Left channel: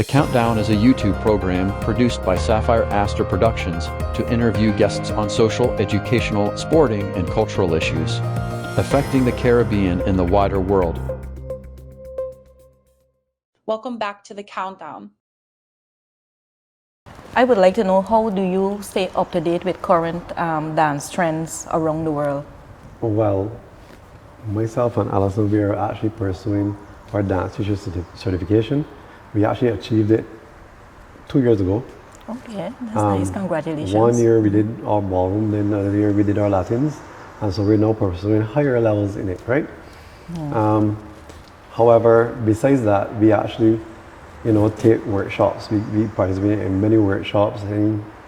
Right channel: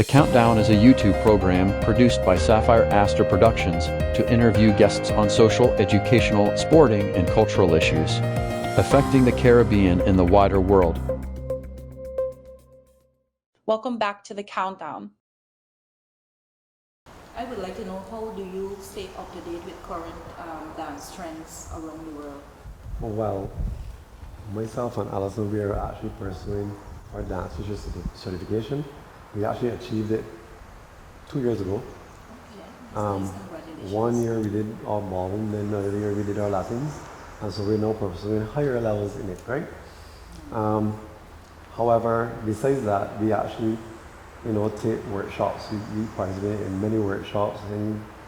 The Countdown is a YouTube program produced by Sapphire Astor Productions to interview guests on social, educational, sporting, and cultural issues affecting the Caribbean and the wider world. Welcome back to The Countdown. I would like to know, how do you stay up to date with current dance trends around the world? Well, myself and Alison, we are actually pursuing our dance teacher certification. We actually achieved it 2 years ago. Okay, that's nice. Congratulations. 1 year we did our ballroom, then another year we did our Latins, and so we're now pursuing higher levels in it, right? However, besides that, we actually, take workshops. We participate in many workshops,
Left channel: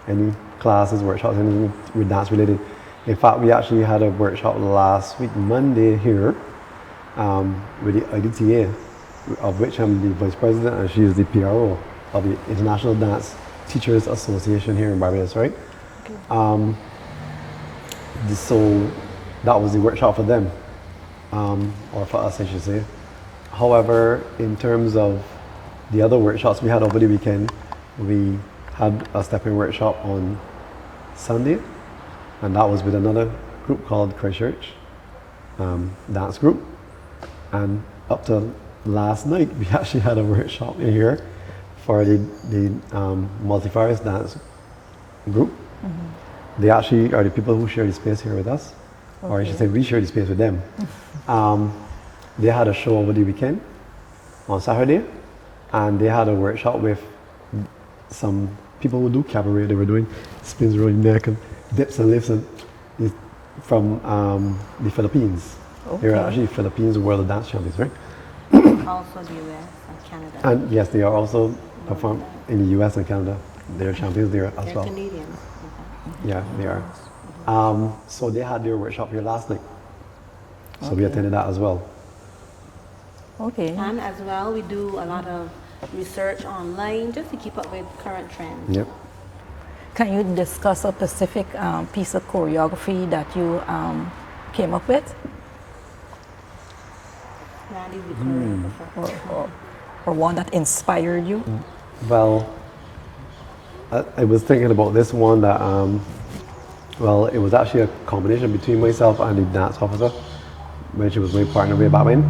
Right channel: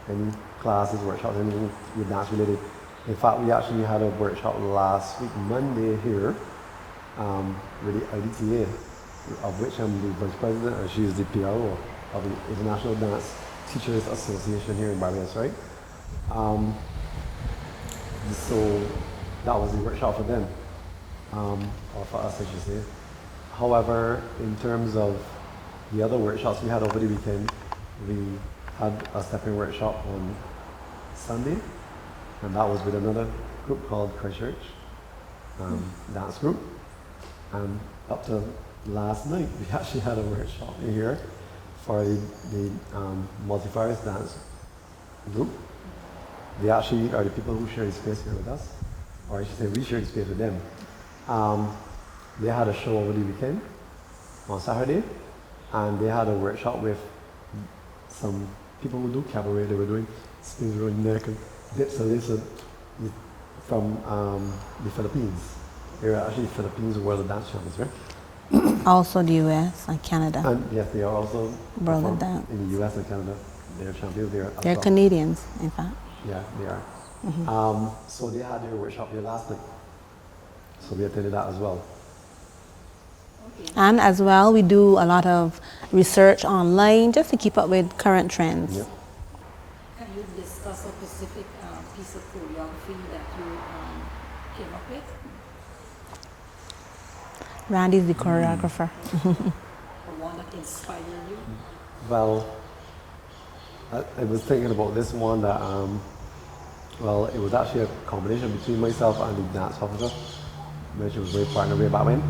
any classes, workshops, anything with dance related. In fact, we actually had a workshop last week, Monday here, with the IDTA, of which I'm the vice president, and she is the PRO of the International Dance Teachers Association here in Barbados, right? Okay. So that was the workshop for them, or for us, I should say. However, in terms of the other workshops we had over the weekend, we had a stepping workshop on Sunday, and that was with another group called Christchurch Dance Group. And up to last night, we actually had a workshop in here for the multifarious dance group. They actually are the people who share the space here with us, or I should say we share the space with them. They had a show over the weekend on Saturday, and they had a workshop with some people who do cabaret. They were doing spins, rolling neck, and dips and lifts from the Philippines. Okay. They're actually Philippines World Dance Champions, right? Also the US and Canada. And yes, they are also performed in the US and Canada. They're champions there as They're well. Canadians, in fact. Yeah, they are. So they had their workshop here last night. So we attended that as well. Okay. And as well, we do a lot of research online just to keep up with current trends. Yep. Can you discuss a specific piece of choreography that you came up with? Randy's the choreographer. Or one that inspired you? Well, I was thinking about this one that, it was actually a combination between myself and the dance officer when she was my partner way back when,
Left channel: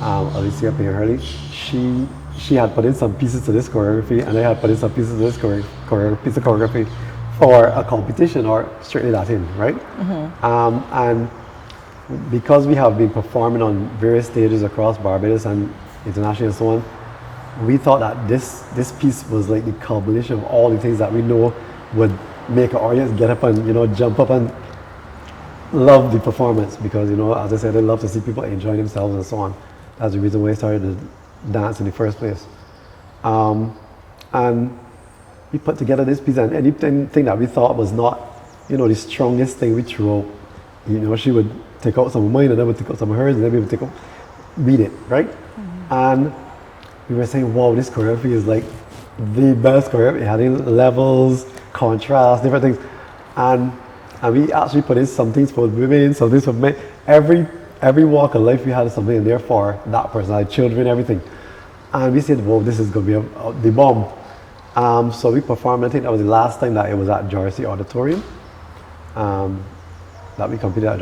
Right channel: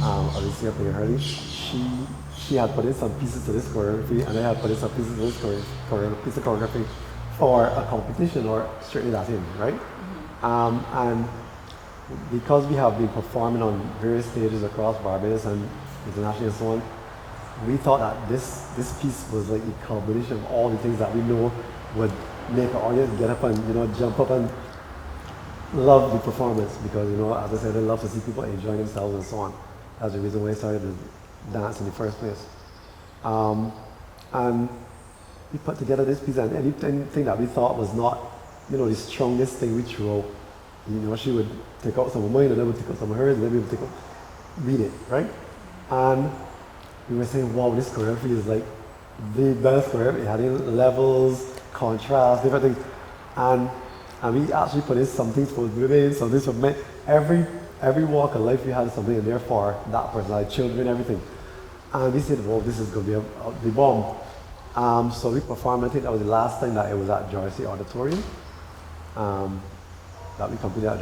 Alicia Hurley. She had put in some pieces to this choreography, and I had put in some pieces to this piece of choreography for a competition or strictly Latin, right? And because we have been performing on various stages across Barbados and internationally and so on, we thought that this piece was like the culmination of all the things that we know would make an audience get up and jump up and love the performance, because as I said, I love to see people enjoying themselves and so on. That's the reason why I started to dance in the first place. And we put together this piece, and anything that we thought was not the strongest thing we threw out, she would take out some of mine, and then would take out some of hers, and then we would read it, right? And we were saying, wow, this choreography is like the best choreography. It had levels, contrast, different things. And we actually put in some things for women, some things for men. Every walk of life we had something in there for that person, like children, everything. And we said, whoa, this is going to be the bomb. So we performed, I think that was the last time that it was at Jersey Auditorium. That we competed at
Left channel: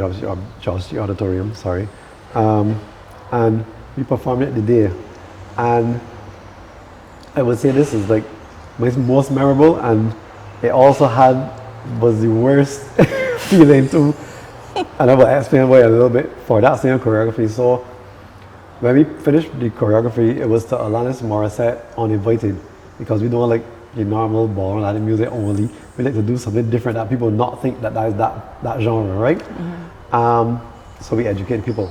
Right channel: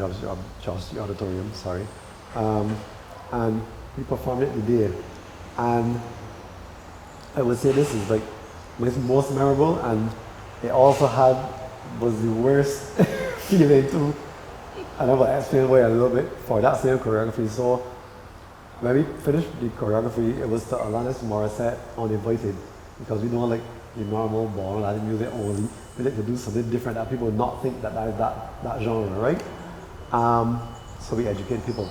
Jersey Auditorium, sorry. And we performed it today. And I would say this is like my most memorable, and it also was the worst feeling too. And I will explain why a little bit for that same choreography. So when we finished the choreography, it was to Alanis Morissette Uninvited, because we don't like the normal ballroom Latin music only. We like to do something different that people not think that is that genre, right? So we educate people.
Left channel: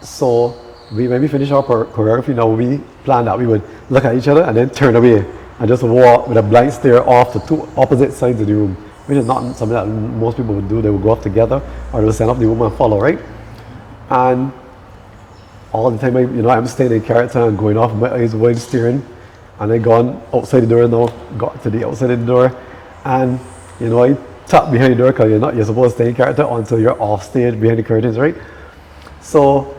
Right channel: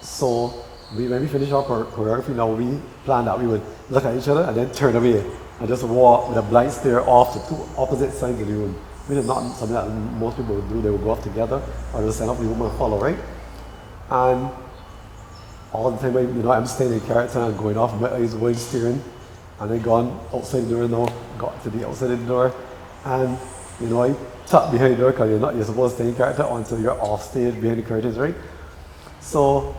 So when we finished our choreography, now we planned that we would look at each other and then turn away and just walk with a blank stare off the two opposite sides of the room. Which is not something that most people would do. They would go off together, or they would stand up the room and follow, right? And all the time, I'm staying in character and going off, my eyes wide staring, and I gone outside the door now, got to the outside of the door, and I tap behind the door, because you're supposed to stay in character until you're off stage behind the curtains, right? So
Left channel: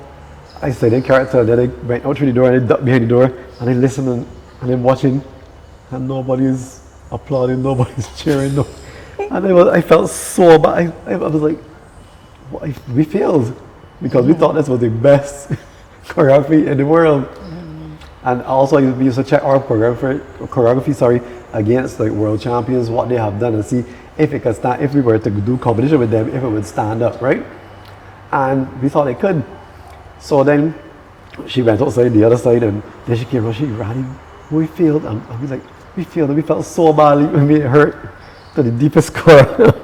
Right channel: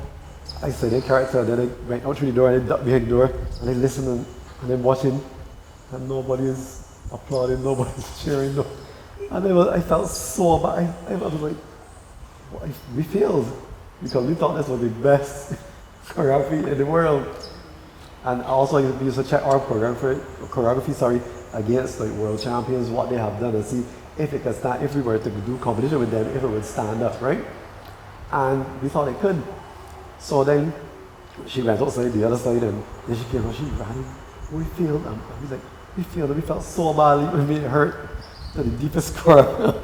I stayed in character, and then I went out through the door and I ducked behind the door, and I listened and I'm watching and nobody's applauding, nobody's cheering. No. And I felt so bad. I was like, we failed because we thought this was the best choreography in the world. And also we used to check our choreography against like world champions, what they have done, and see if it could stand, if we were to do competition with them, if it would stand up, right? And we thought it could. So then she went outside the other side, and then she came out, she ran, we failed, and I was like, we failed, and we felt so badly, it made it hurt to the deepest core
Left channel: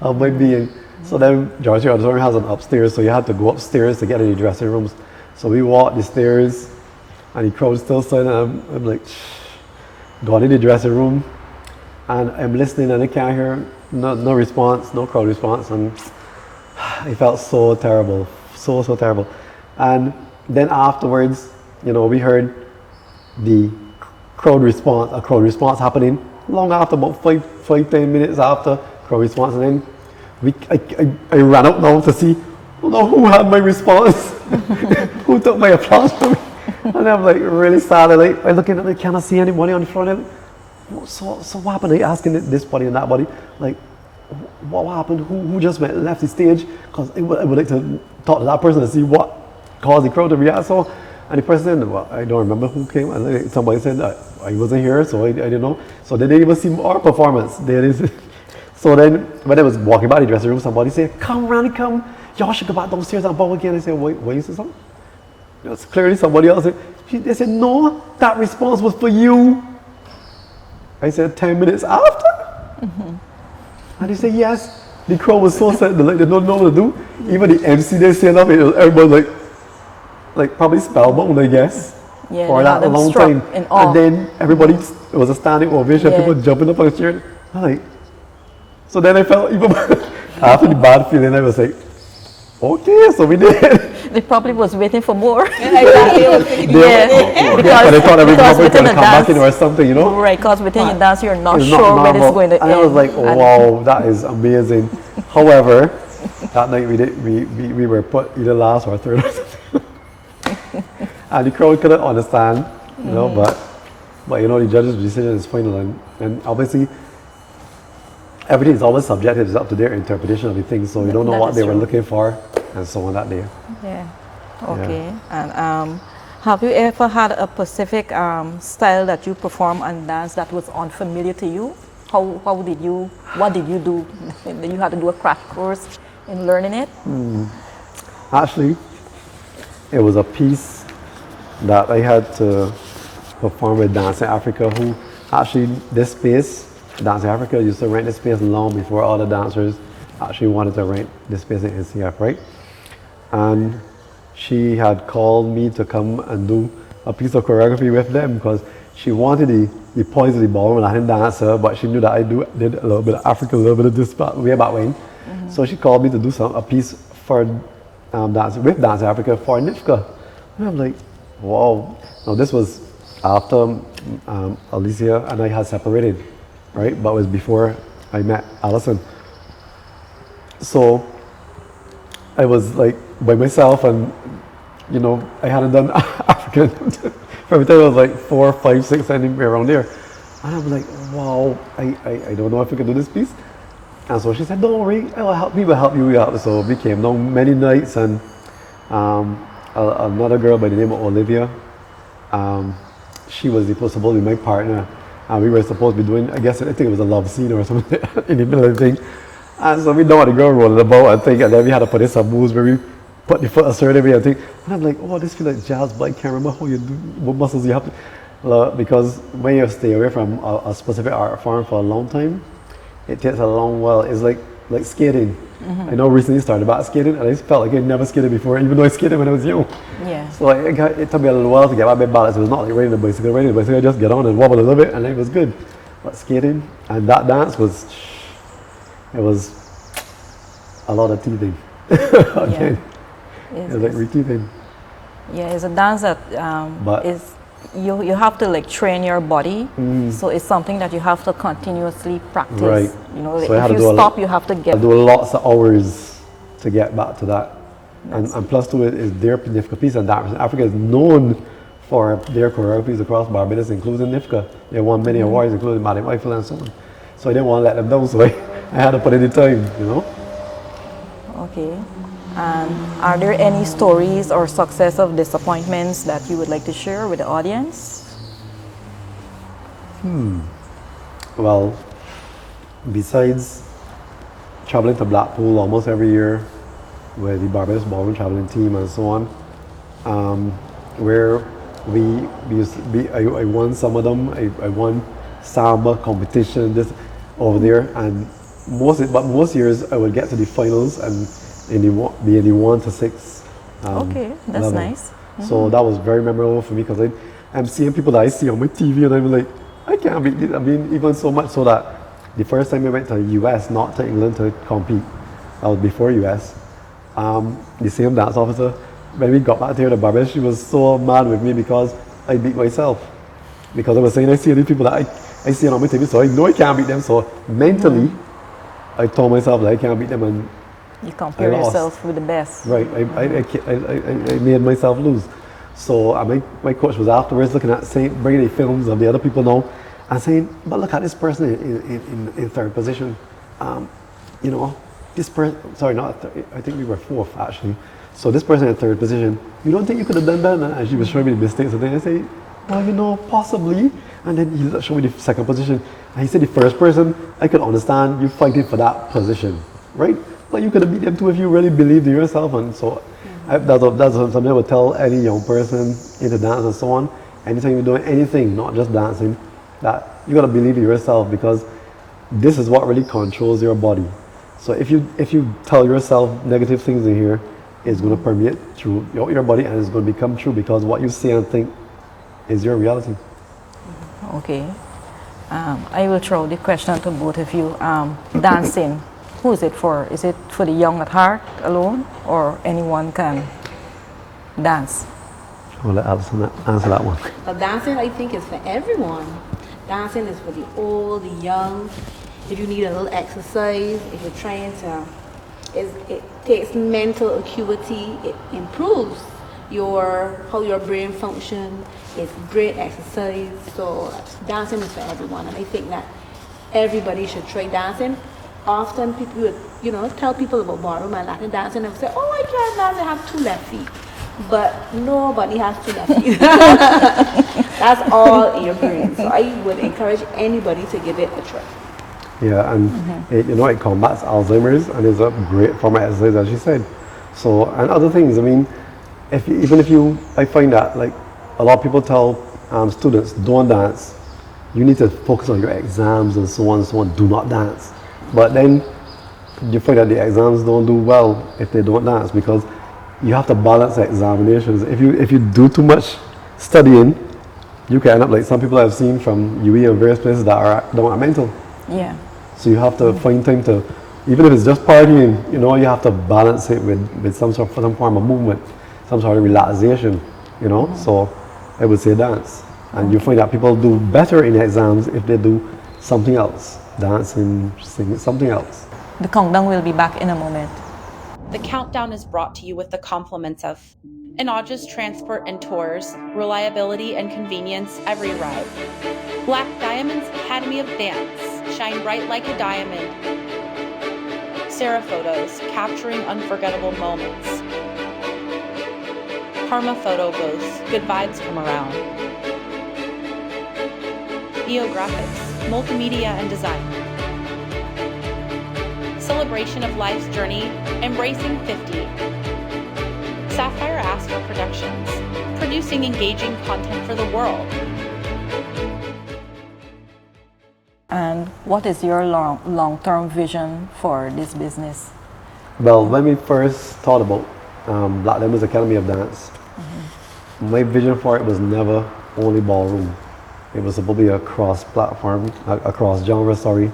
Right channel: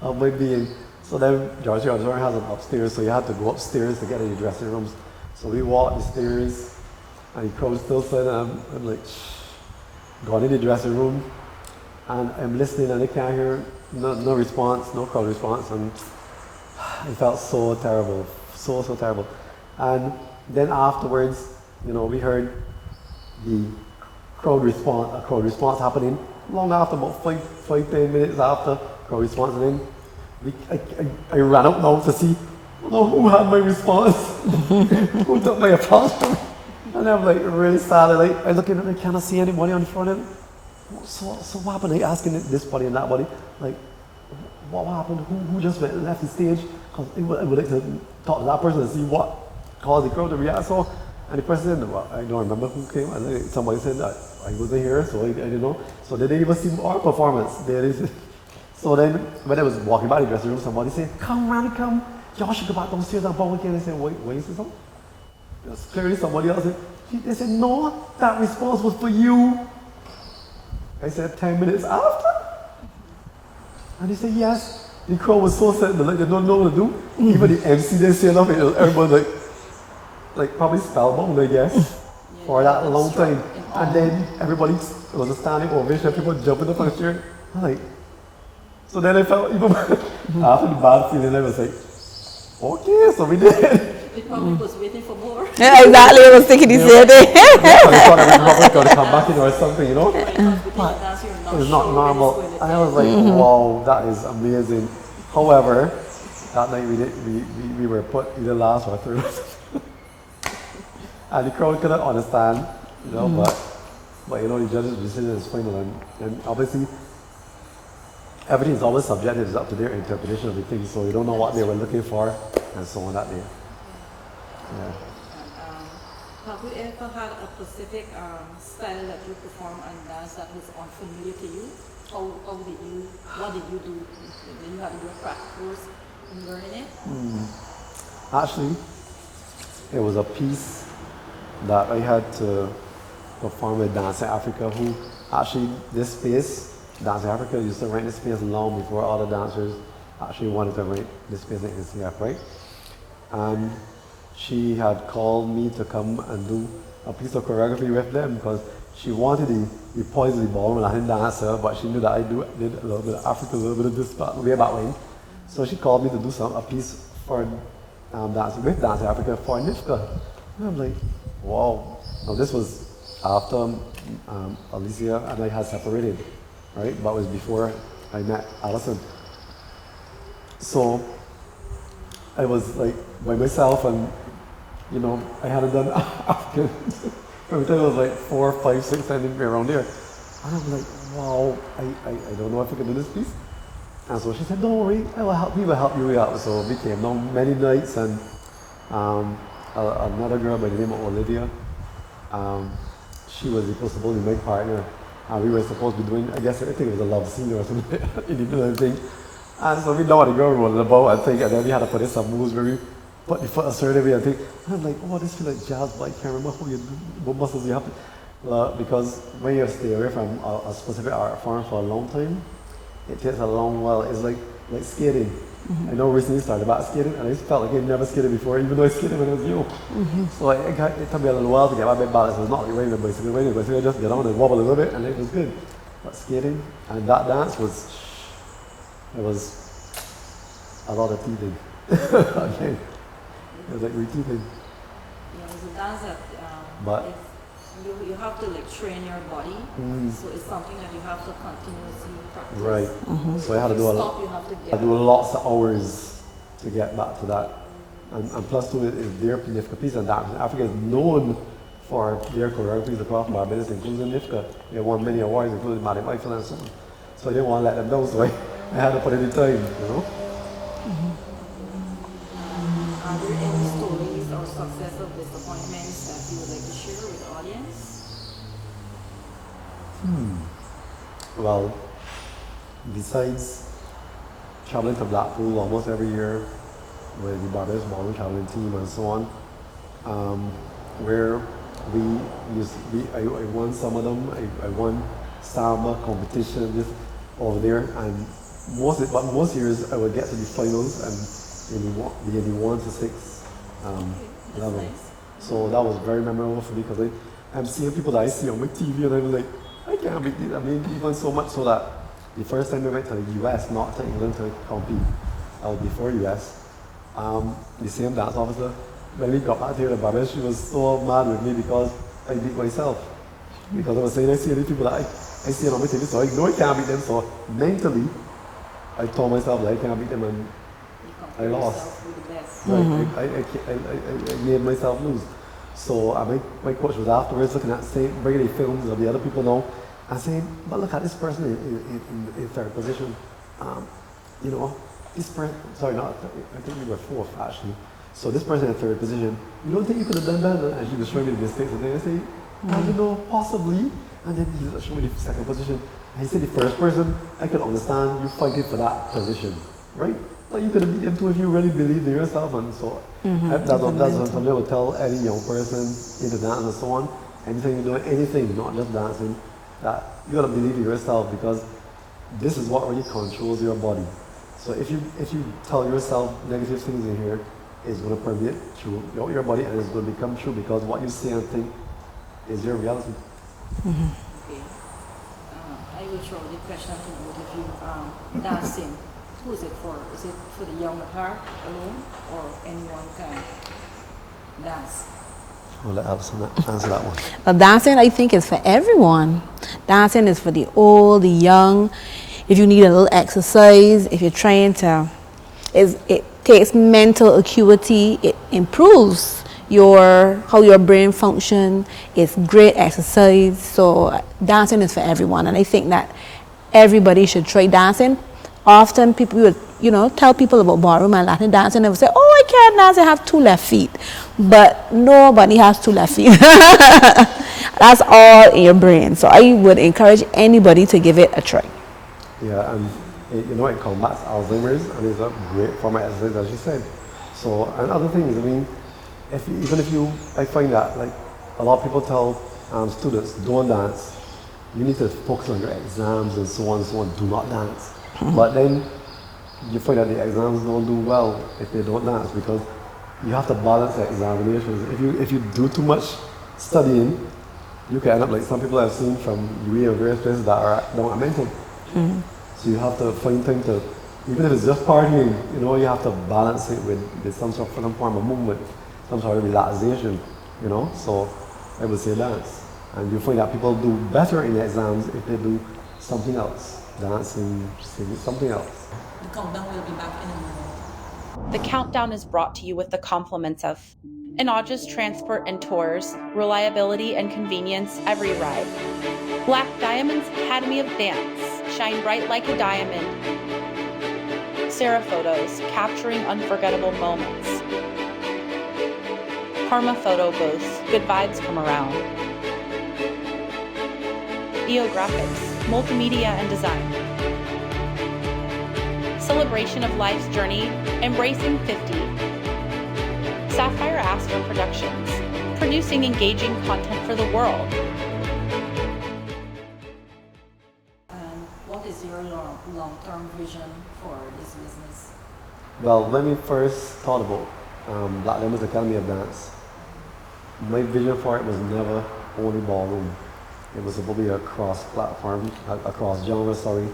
of my being. So then Georgia Observer has an upstairs, so you had to go upstairs to get in the dressing rooms. So we walked the stairs, and the crowd still silent, and I'm like, got in the dressing room, and I'm listening, and I can't hear no response, no crowd response, and it felt so terrible, so terrible. And then afterwards, you know, we heard the crowd response happening long after, about 5-10 minutes after crowd response, and then I ran up now to see, who had my response, who took my applause from me. And I'm like really sad. I looking at it, cannot see anybody on the front end. So what happened? I asking this body and that body, like, what happened? Who just left the stage? Because I would like to talk to that person to see what caused the crowd to react so. And the person said, well, I don't remember who came. And somebody said that I wasn't here, so I didn't know. So they didn't even see our performance. So then when I was walking by the dressing room, somebody said, come Randy, come. Y'all should go back downstairs and bow again. I said, wait, is this something? It was clearly somebody else. They said, no, that response was for you. I said, 10 minutes after? And they said, yes. The crowd was so sad, like, they don't know what to do. Even the MC, they said nothing. Everybody like probably spellbound, I guess, for that long time. And then everybody, it was a standing ovation, people jumping up on the chair. I'm like, so then I felt even after the bad feeling, I was like, okay, so we did. They probably was waiting for more. Yeah, exactly. I was thinking the same thing. They thought everybody was going to come back in or something, you know? Right, because within your dance, you're not sure when it's going to end. And I was like, wow, that is amazing. However, that night we were put either last or third or something. And the crowd couldn't understand, you know, but you know, the judge's decision is final, and obviously everything is always subjective. It's up to their interpretation of the thing, so we don't know what they were looking for and so on that day. Yeah. Okay. Yeah. And have you ever had a specific style that you perform and dance that was unfamiliar to you? What did you do? Did you have to do a crash course in learning it? Actually, it was a piece that I had to perform with Dancing Africa, who actually, this space, Dancing Africa used to rent this space long before all the dancers actually wanted to rent this space in NCF, right? And she had called me to come and do a piece of choreography with them because she wanted the points of the ballroom Latin dancer, but she knew that I did a little bit of Africa, a little bit of this way back when. So she called me to do a piece for with Dance Africa for NIFCA. And I'm like, wow. Now this was after Alicia and I had separated, right? But it was before I met Alison. So I was like by myself, and you know, I hadn't done African for every time. I was like 4, 5, 6, anywhere around there. And I'm like, wow, I don't know if we can do this piece. And so she said, don't worry, we will help you out. So we came down many nights, and another girl by the name of Olivia, she was supposed to be my partner, and we were supposed to be doing, I think it was a love scene or something in the middle of the thing. And so we know what the girl rolling about and think, and then we had to put in some moves where we put the foot a certain way and think, and I'm like, oh, this feels like jazz, but I can't remember how you do, what muscles you have to, because when you stay away from a specific art form for a long time, it takes a long while. It's like skating. I know recently started back skating, and I felt like I'd never skated before, even though I skated when I was young. Yeah. So it took me a little while to get my balance. It was not like riding a bicycle. I just get on and wobble a little bit, and it was good. But skating and that dance was a lot of teething. Again, it was like re-teething. Yeah, it's a dance that is. You have to like train your body, so it's something that you have to continuously practice. Right. You know, So if you stop, you have to get. I do lots of hours to get back to that, and plus to it is their difficult piece, and Africa is known for their choreographies across Barbados, including NIFCA. They won many awards, including Madam Eiffel and so on. So I didn't want to let them down, so I had to put in the time, you know. Okay. And are there any stories or success of disappointments that you would like to share with the audience? Well, besides traveling to Blackpool almost every year with the Barbados Ballroom traveling team and so on, where I won some of them. I won samba competition just over there, and most years I would get to the finals and be in the 1 to 6. Okay, that's level. nice. So that was very memorable for me because I'm seeing people that I see on my TV and I'm like, I can't beat it. I mean, even so much so that the first time we went to the US, not to England to compete, that was before US, the same dance officer, when we got back here to Barbados, she was so mad with me because I beat myself. Because I was saying, I see these people that I see on my TV, so I know I can't beat them. So mentally, I told myself that I can't beat them, and You compare I lost. yourself with the best. Right, I made myself lose. So my coach was afterwards looking at, bringing the films of the other people now, and saying, but look at this person in third position. You know, this person, sorry, not third, I think we were fourth actually. So this person in third position, you don't think you could have done that? And she was showing me the mistakes, and then I say, well, you know, possibly. And then he showed me the second position, and he said the first person, I could understand you fighting for that position, right? But you could have beat them too if you really believed in yourself. And so that's something I would tell any young person into dance and so on. Anytime you're doing anything, not just dancing, that you gotta believe in yourself, because this is what really controls your body. So if you tell yourself negative things in here, it's gonna permeate through your body, and it's gonna become true, because what you say and think is your reality. Okay. I will throw the question to both of you. Dancing, who is it for? Is it for the young at heart alone, or anyone can dance? I'll let Alison answer that one. Dancing, I think, is for everyone. Dancing is for the old, the young. If you need a little exercise, if you're trying to, it takes mental acuity. It improves how your brain function. It's great exercise. So dancing is for everyone, and I think that everybody should try dancing. Often people would, tell people about ballroom and Latin dancing, and they would say, "Oh, I can't dance. I have 2 left feet." But nobody has 2 left feet. That's all in your brain. So I would encourage anybody to give it a try. Yeah, and it combats Alzheimer's, and it's a great form of exercise, as you said. So, and other things, I mean, I find that, like, a lot of people tell students, don't dance. You need to focus on your exams and so on and so on. Do not dance. But then you find that the exams don't do well if they don't dance, because you have to balance examinations. If you do too much studying, you can end up like some people I've seen from UE and various places that are mental. Yeah. So you have to find time to, even if it's just partying, you have to balance it with some form of movement, some sort of relaxation, So I would say dance. And you find that people do better in exams if they do something else, dancing, singing, something else. The countdown will be back in a moment. The countdown is brought to you with the compliments of Inaudis Transport and Tours, reliability and convenience every ride. Black Diamond's Academy of Dance, shine bright like a diamond. Sarah Photos, capturing unforgettable moments. Karma Photo Booths, good vibes come around. Biographics, multimedia and design. Celebration of life's journey, embracing 50. Sapphire Astor Productions, producing engaging content for the world. And what is your long-term vision for this business? Well, when we first thought about Black Diamond's Academy of Dance, my vision for it was never only ballroom. It was supposed to be a cross-platform, a cross-genre, sort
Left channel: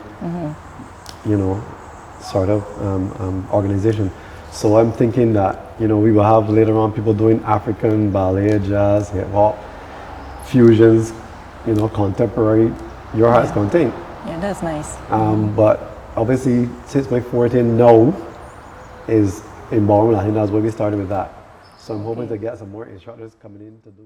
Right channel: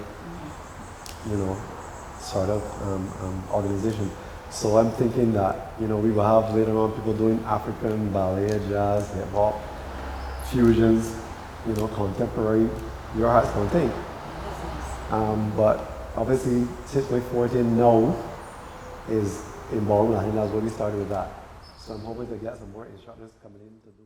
of organization. So I'm thinking that, we will have later on people doing African, ballet, jazz, hip-hop, fusions, contemporary, your heart's content. Yeah, that's nice. But obviously, since my forte now is in ballroom, I think that's where we started with that. So I'm hoping to get some more instructors coming in to do